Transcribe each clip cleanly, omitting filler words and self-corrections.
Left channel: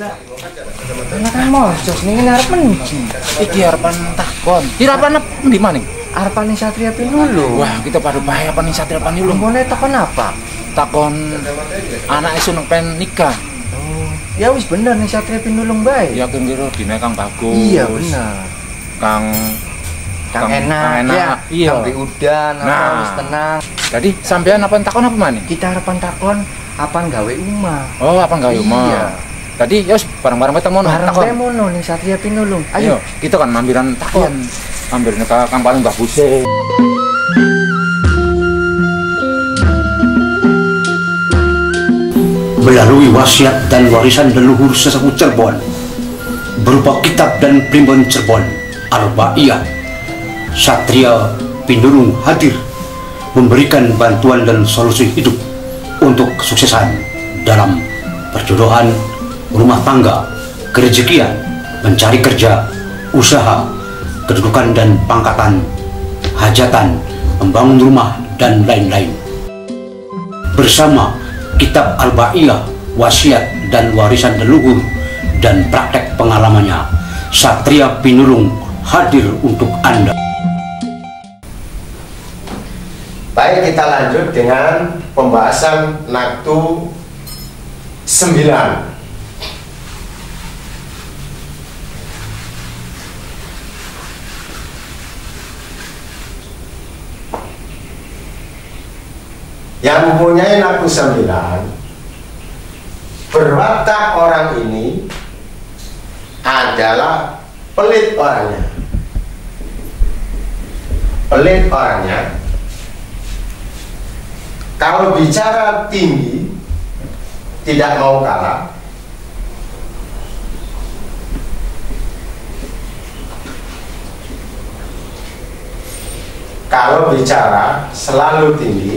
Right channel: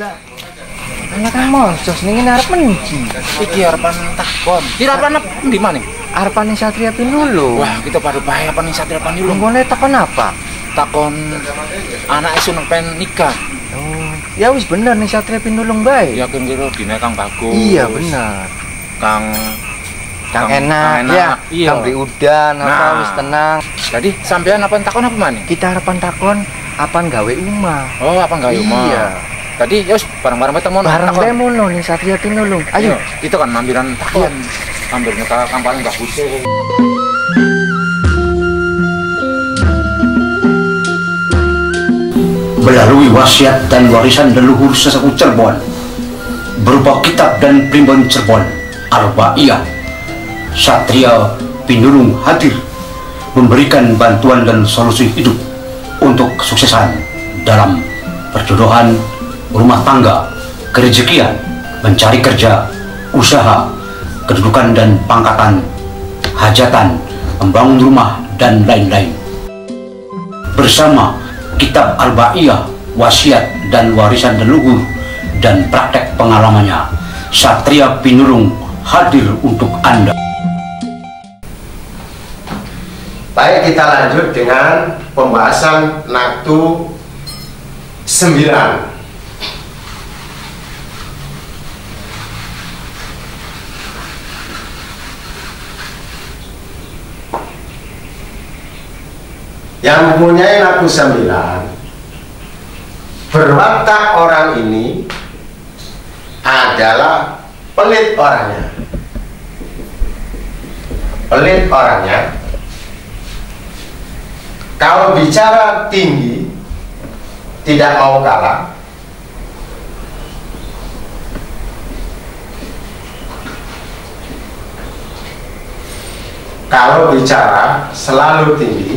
Lah, enak kan mojos ning arep menji. Iki arepan takon. Kira arepan ndi maning? Arepan Satria Pinulung. Wah, kita pada bahaya apa nih Satria Pinulung. Nggone takon apa? Takon anak isu pengen nikah. Oh, ya wis bener nih Satria Pinulung bae. Ya kira dina Kang bagus. Iya bener. Kang enak, enak. Ya. Iya. Kang udan apa wis tenang. Jadi sampean apa takon apa maning? Kita arepan takon apaan gawe omah. Oh, apa gawe omah? Iya. Tadi ya bareng-bareng ketemu bareng bae mono ning Satria Pinulung. Ayo, kita kan mampiran takon. Mampirnya ke Kang paling bagus. Melalui wasiat dan warisan leluhur sesepuh Cirebon berupa kitab dan primbon Cirebon Arba'iyah, Satria Pinulung hadir memberikan bantuan dan solusi hidup untuk kesuksesan dalam perjodohan, rumah tangga, kerejekian, mencari kerja, usaha, kedudukan dan pangkatan, hajatan, membangun rumah, dan lain-lain. Bersama kitab Arba'iyah, wasiat dan warisan leluhur, dan praktek pengalamannya, Satria Pinulung hadir untuk Anda. Baik, kita lanjut dengan pembahasan Naktu 9. Yang mempunyai Naktu 9, berwatak orang ini adalah pelit orangnya. Pelit orangnya. Kalau bicara tinggi, tidak mau kalah. Kalau bicara selalu tinggi.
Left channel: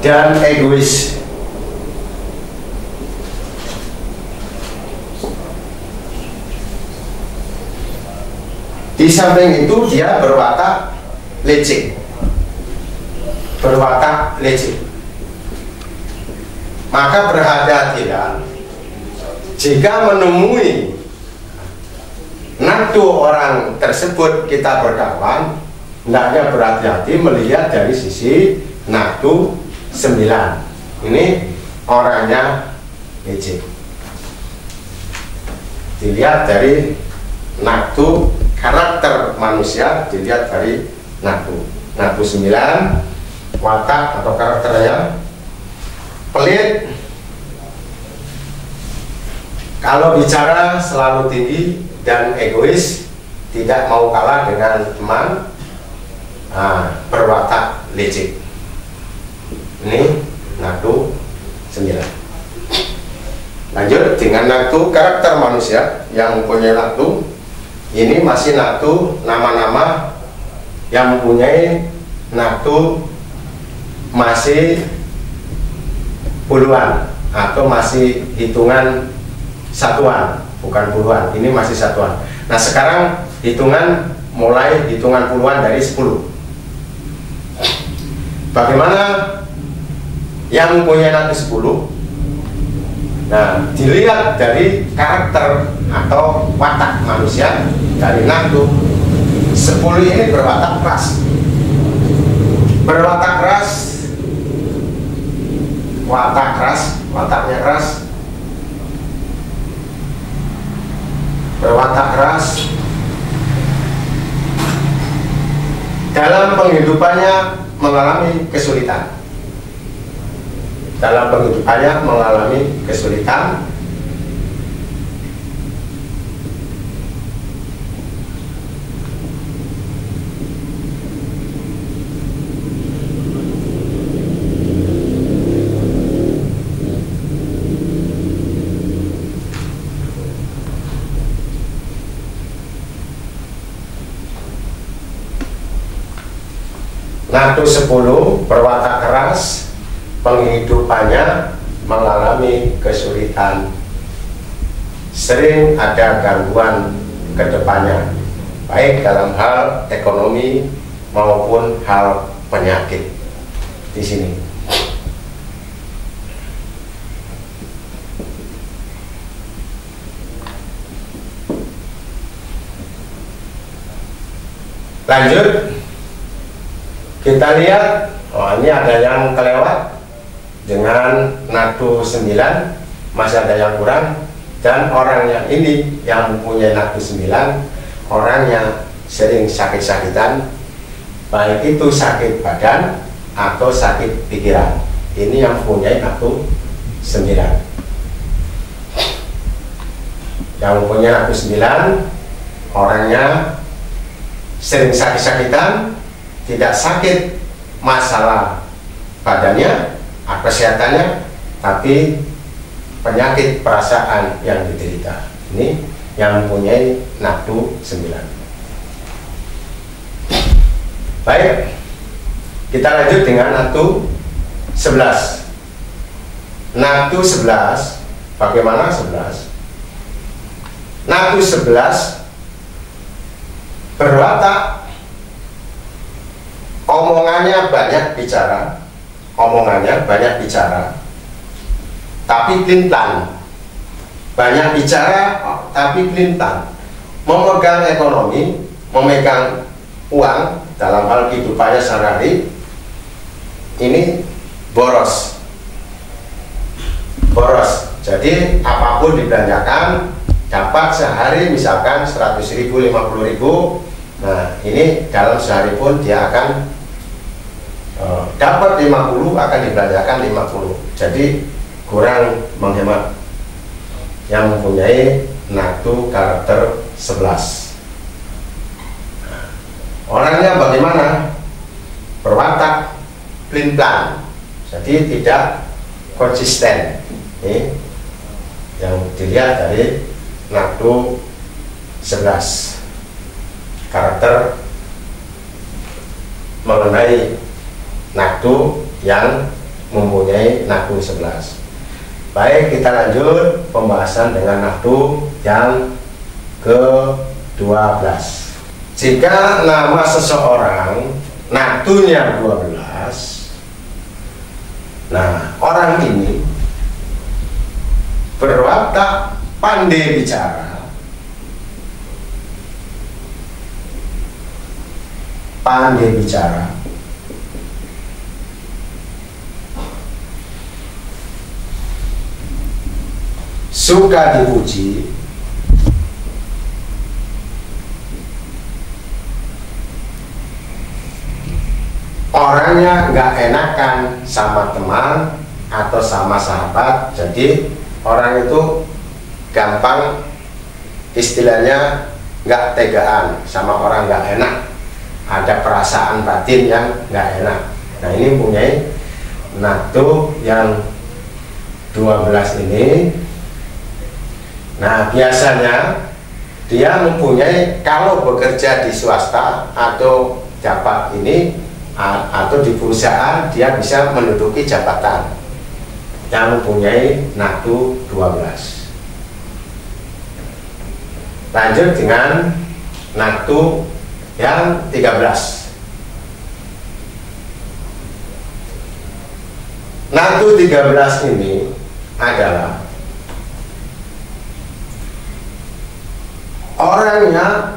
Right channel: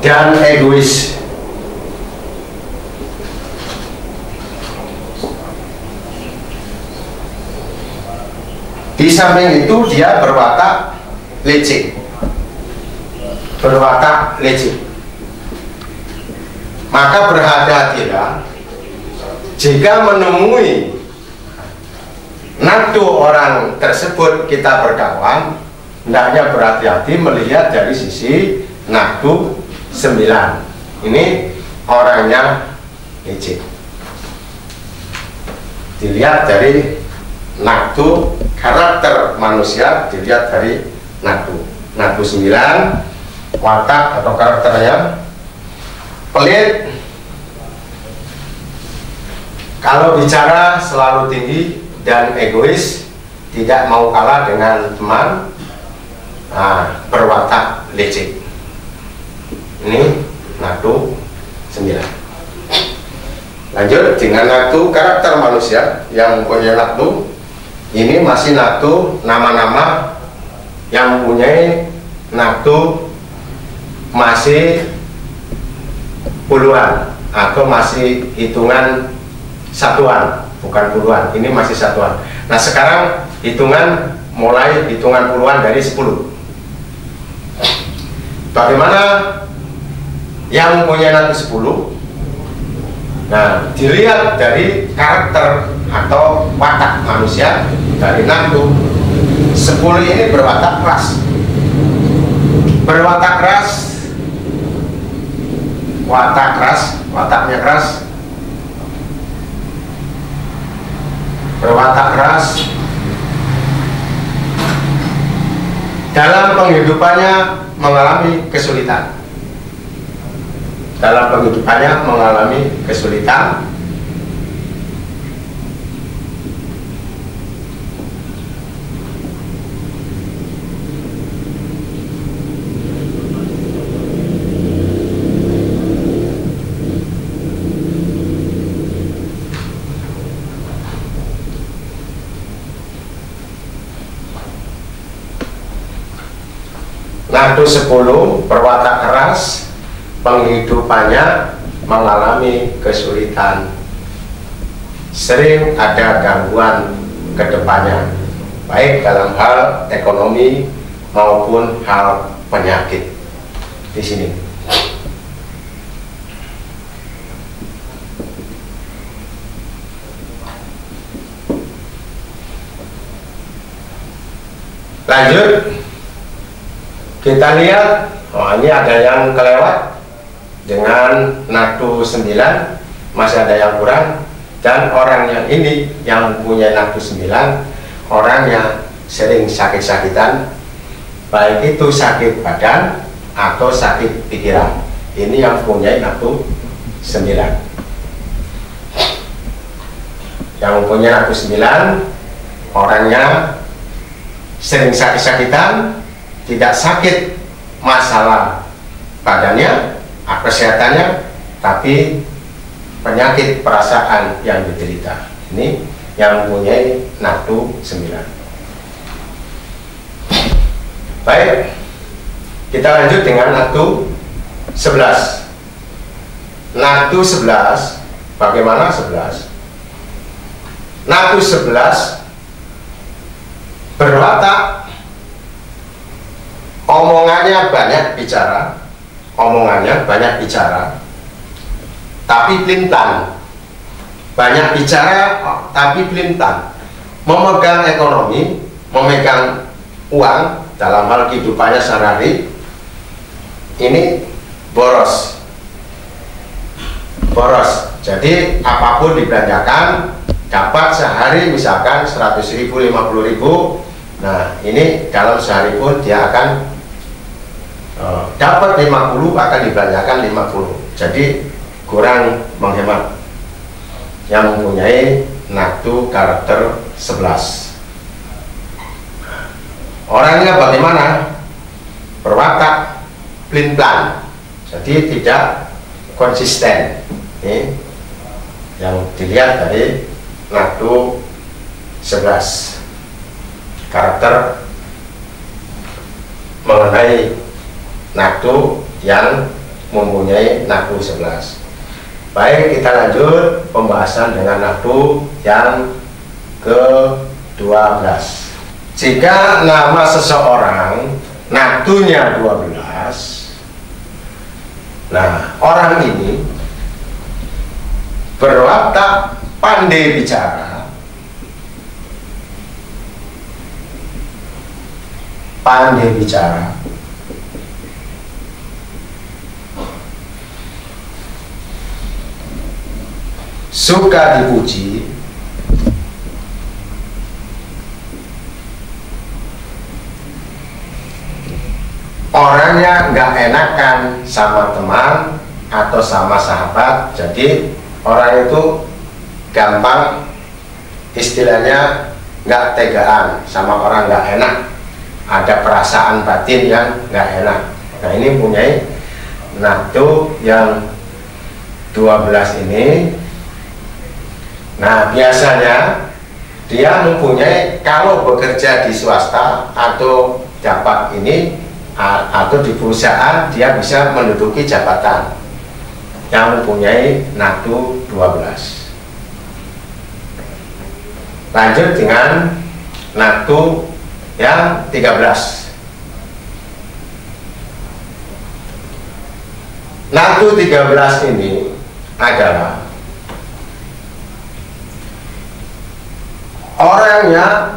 Dan egois. Di samping itu dia berwatak licik. Berwatak licik. Maka berhati-hatilah jika menemui naktu orang tersebut kita berkawan, hendaknya berhati-hati melihat dari sisi naktu 9. Ini orangnya licik. Dilihat dari naktu, karakter manusia dilihat dari naktu. Naktu 9, watak atau karakternya pelit. Kalau bicara selalu tinggi dan egois, tidak mau kalah dengan teman, berwatak licik. Ini naktu 9. Lanjut dengan naktu karakter manusia yang mempunyai naktu. Ini masih naktu nama-nama yang mempunyai naktu masih puluhan atau masih hitungan satuan, bukan puluhan. Ini masih satuan. Nah, sekarang hitungan mulai hitungan puluhan dari 10. Bagaimana yang mempunyai naktu 10? Nah, dilihat dari karakter atau watak manusia dari naktu 10 ini berwatak keras. Berwatak keras, watak keras, wataknya keras. Berwatak keras dalam penghidupannya mengalami kesulitan. Dalam penghidupannya mengalami kesulitan. Naktu 10 berwatak keras, penghidupannya mengalami kesulitan, sering ada gangguan ke depannya. baik dalam hal ekonomi maupun hal penyakit di sini. Lanjut, kita lihat, oh ini ada yang kelewat dengan nadu 9, masih ada yang kurang. Dan orang yang ini yang mempunyai nadu 9, orang yang sering sakit-sakitan, baik itu sakit badan atau sakit pikiran. Ini yang mempunyai nadu 9. Yang mempunyai nadu 9, orangnya sering sakit-sakitan, tidak sakit masalah badannya, kesehatannya, tapi penyakit perasaan yang diderita. Ini yang mempunyai nadu 9. Baik, kita lanjut dengan nadu 11. Nadu 11, bagaimana 11? Nadu 11 berwatak, omongannya banyak bicara, tapi pelin-pelan. Banyak bicara tapi pelin-pelan. Memegang ekonomi, memegang uang dalam hal kehidupannya sehari-hari, ini boros. Jadi apapun dibelanjakan, dapat sehari misalkan 100.000, 50.000. Nah ini dalam sehari pun dia akan dapat 50, akan dibelanjakan 50. Jadi kurang menghemat. Yang mempunyai nadu karakter 11. Orangnya bagaimana? Berwatak pelin-pelan, jadi tidak konsisten. Ini yang dilihat dari nadu 11. Karakter mengenai nadu yang mempunyai nadu 11. Baik, kita lanjut pembahasan dengan nadu yang ke-12. Jika nama seseorang nadunya 12, nah orang ini berwatak pandai bicara, suka dipuji, orangnya nggak enakan sama teman atau sama sahabat. Jadi orang itu gampang, istilahnya nggak tegaan sama orang, nggak enak, ada perasaan batin yang nggak enak. Nah ini punya nadu yang 12 ini. Nah biasanya dia mempunyai, kalau bekerja di swasta atau dapat ini atau di perusahaan, dia bisa menduduki jabatan yang mempunyai nadu 12. Lanjut dengan nadu yang 13. Nadu 13 ini adalah orangnya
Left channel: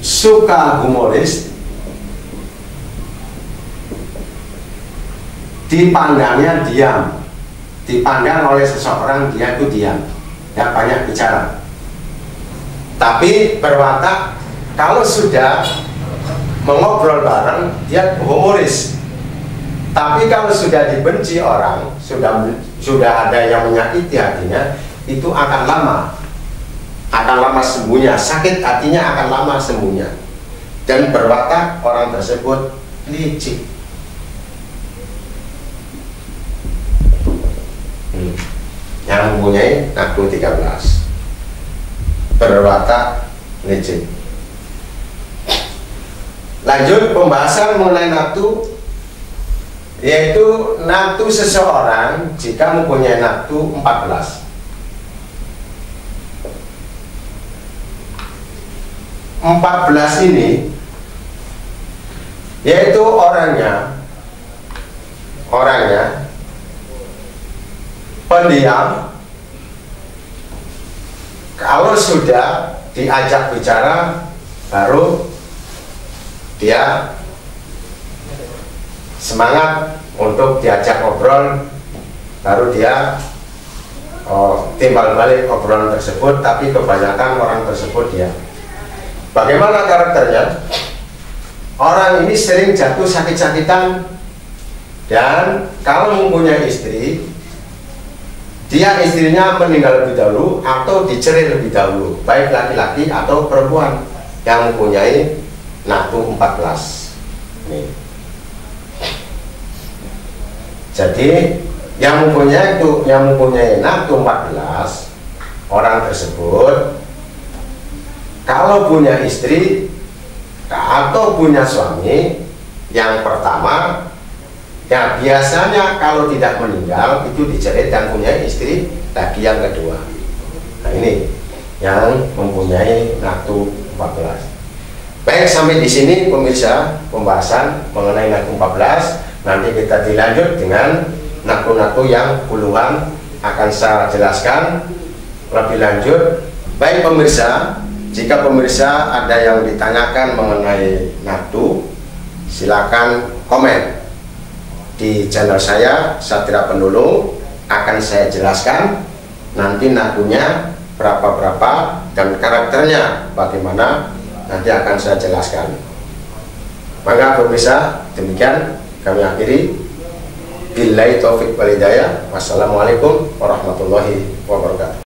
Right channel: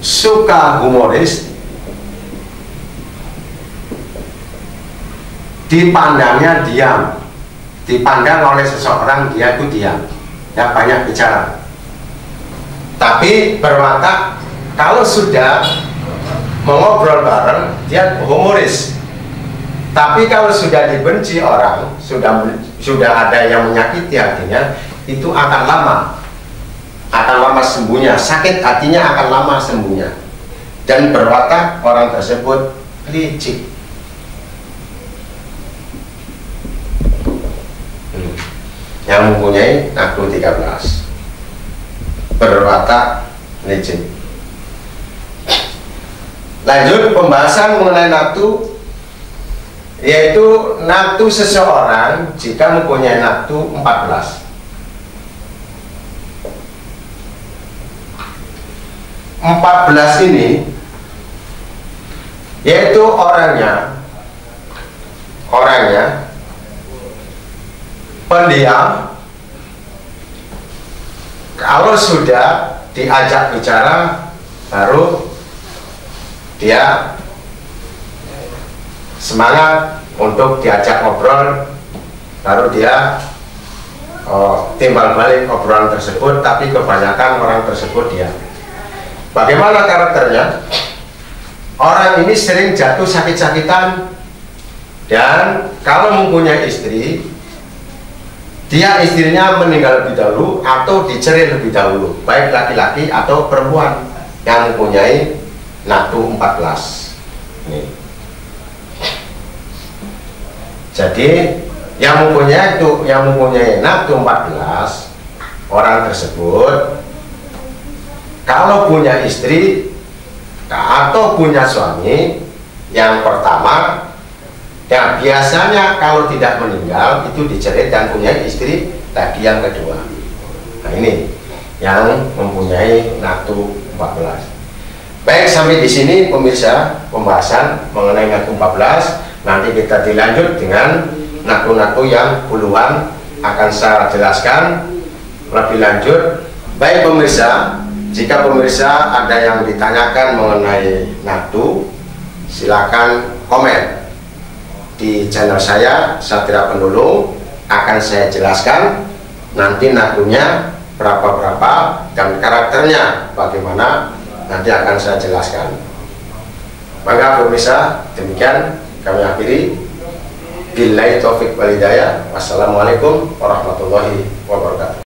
suka humoris, dipandangnya diam, dipandang oleh seseorang dia itu diam, ya banyak bicara, tapi berwatak kalau sudah mengobrol bareng dia humoris. Tapi kalau sudah dibenci orang, sudah ada yang menyakiti hatinya, itu akan lama sembuhnya, sakit hatinya akan lama sembuhnya, dan berwatak orang tersebut licik. Yang mempunyai nadu 13, berwatak licik. Lanjut pembahasan mengenai nadu yaitu nafsu seseorang jika mempunyai nafsu 14. 14 ini yaitu orangnya pendiam. Kalau sudah diajak bicara baru dia semangat untuk diajak ngobrol, baru dia timbal balik obrolan tersebut, tapi kebanyakan orang tersebut diam. Bagaimana karakternya? Orang ini sering jatuh sakit-sakitan, dan kalau mempunyai istri, istrinya meninggal lebih dahulu atau dicerai lebih dahulu, baik laki-laki atau perempuan yang mempunyai nafsu 14. Ini. Jadi yang mempunyai nafsu 14, orang tersebut kalau punya istri atau punya suami, yang pertama, ya biasanya kalau tidak meninggal itu dicerai dan punya istri lagi yang kedua. Nah ini yang mempunyai nafsu 14. Baik, sampai di sini pemirsa pembahasan mengenai nafsu 14. Nanti kita dilanjut dengan nafsu-nafsu yang puluhan akan saya jelaskan lebih lanjut. Baik pemirsa, jika pemirsa ada yang ditanyakan mengenai nafsu, silakan komen di channel saya, Satria Pendulung. Akan saya jelaskan nanti nafsunya berapa dan karakternya bagaimana, nanti akan saya jelaskan. Maka pemirsa, demikian kami akhiri. Billahi taufik wal hidayah. Wassalamualaikum warahmatullahi wabarakatuh.